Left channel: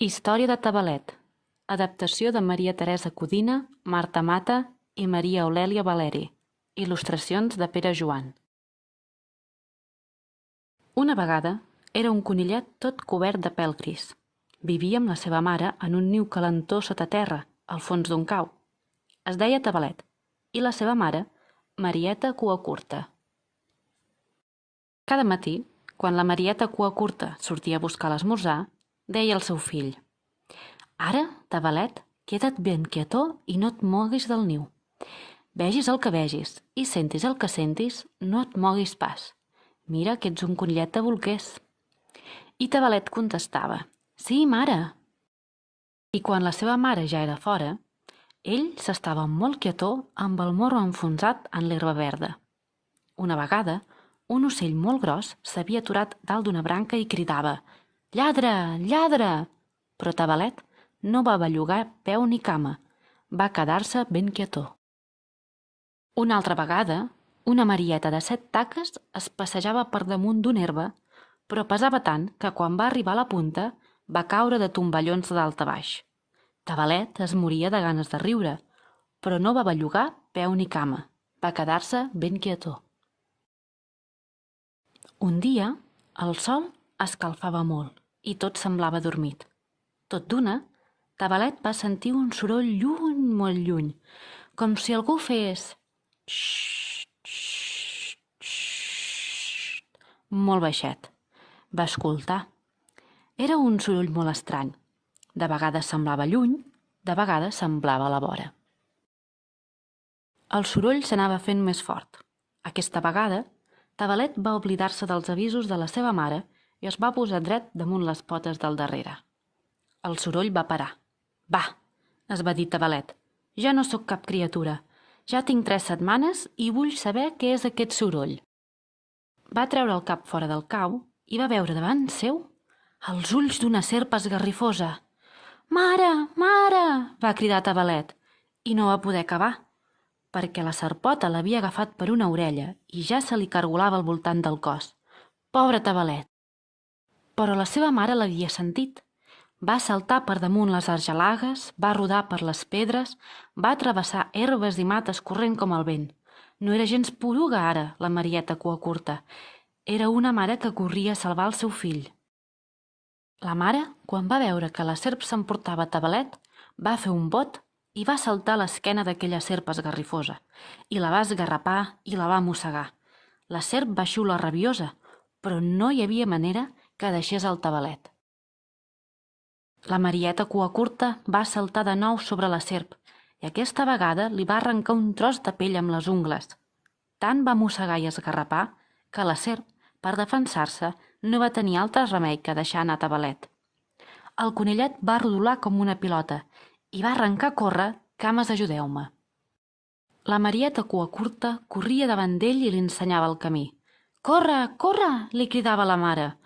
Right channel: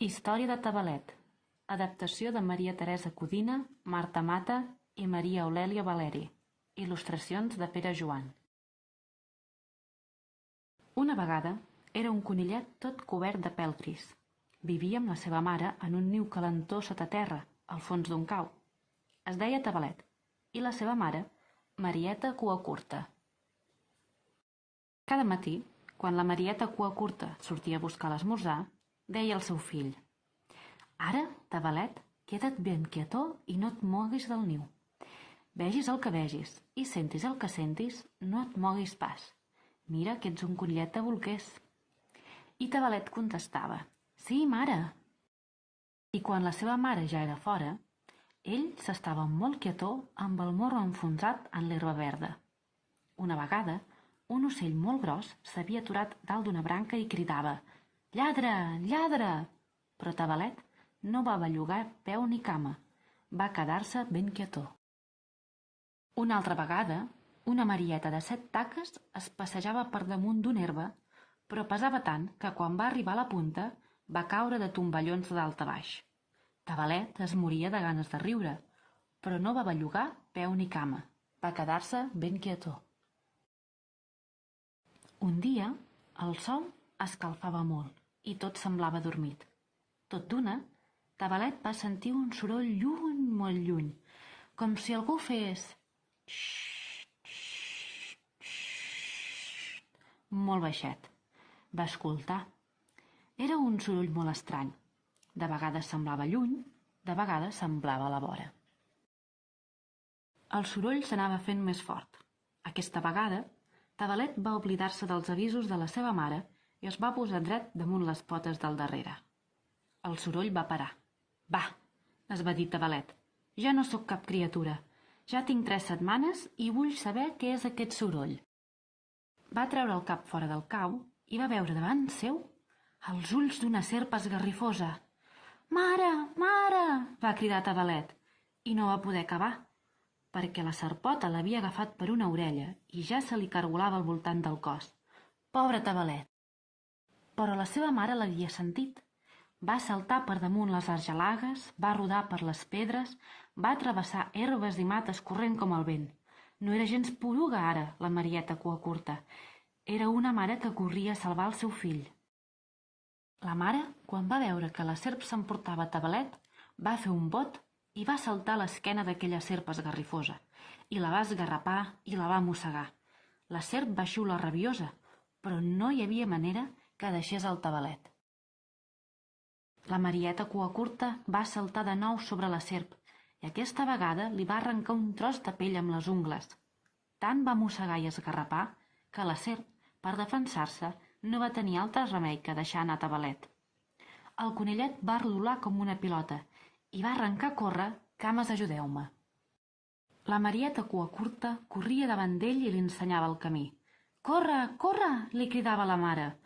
Història de Tabalet. Adaptació de Maria Teresa Codina, Marta Mata i Maria Aurèlia Valeri. Il·lustracions de Pere Joan. Una vegada era un conillet tot cobert de pèl gris. Vivia amb la seva mare en un niu calentó sota terra, al fons d'un cau. Es deia Tabalet i la seva mare, Marieta Cuacurta. Cada matí, quan la Marieta Cuacurta sortia a buscar l'esmorzar, deia al seu fill: «Ara, Tabalet, queda't ben quietó i no et moguis del niu. Vegis el que vegis i sentis el que sentis, no et moguis pas. Mira que ets un conillet de bolquers». I Tabalet contestava: «Sí, mare». I quan la seva mare ja era fora, ell s'estava molt quietó amb el morro enfonsat en l'herba verda. Una vegada, un ocell molt gros s'havia aturat dalt d'una branca i cridava: «Lladre, lladre!» Però Tabalet no va bellugar peu ni cama. Va quedar-se ben quietó. Una altra vegada, una marieta de 7 taques es passejava per damunt d'una herba, però pesava tant que quan va arribar a la punta va caure de tomballons de dalt a baix. Tabalet es moria de ganes de riure, però no va bellugar peu ni cama. Va quedar-se ben quietó. Un dia, el sol escalfava molt i tot semblava adormit. Tot d'una, Tabalet va sentir un soroll lluny, molt lluny, com si algú fes xxxt, xxxt, xxxt, molt baixet. Va escoltar. Era un soroll molt estrany. De vegades semblava lluny, de vegades semblava a la vora. El soroll s'anava fent més fort. Aquesta vegada, Tabalet va oblidar-se dels avisos de la seva mare i es va posar dret damunt les potes del darrere. El soroll va parar. «Va», es va dir Tabalet, «ja no sóc cap criatura. Ja tinc 3 setmanes i vull saber què és aquest soroll». Va treure el cap fora del cau i va veure davant seu els ulls d'una serp esgarrifosa. «Mare, mare!», va cridar Tabalet, i no va poder acabar, perquè la serpota l'havia agafat per una orella i ja se li cargolava al voltant del cos. Pobre Tabalet! Però la seva mare l'havia sentit. Va saltar per damunt les argelagues, va rodar per les pedres, va travessar herbes i mates corrent com el vent. No era gens poruga ara, la Marieta Cuacurta. Era una mare que corria a salvar el seu fill. La mare, quan va veure que la serp s'emportava Tabalet, va fer un bot i va saltar a l'esquena d'aquella serp esgarrifosa, i la va esgarrapar i la va mossegar. La serp va xiular rabiosa, però no hi havia manera que deixés el Tabalet. La Marieta Cuacurta va saltar de nou sobre la serp i aquesta vegada li va arrencar un tros de pell amb les ungles. Tant va mossegar i esgarrapar que la serp, per defensar-se, no va tenir altre remei que deixar anar Tabalet. El conillet va rodolar com una pilota i va arrencar a córrer: «Cames, ajudeu-me». La Marieta Cuacurta corria davant d'ell i li ensenyava el camí. «Corre, corre!», li cridava la mare.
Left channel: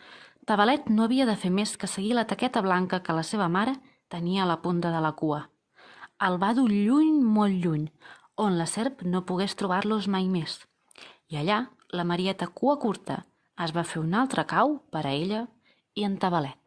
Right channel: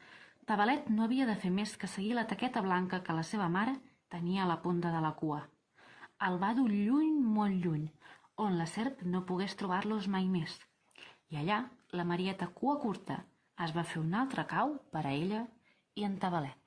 Tabalet no havia de fer més que seguir la taqueta blanca que la seva mare tenia a la punta de la cua. El va dur lluny, molt lluny, on la serp no pogués trobar-los mai més. I allà, la Marieta Cuacurta es va fer un altre cau per a ella i en Tabalet.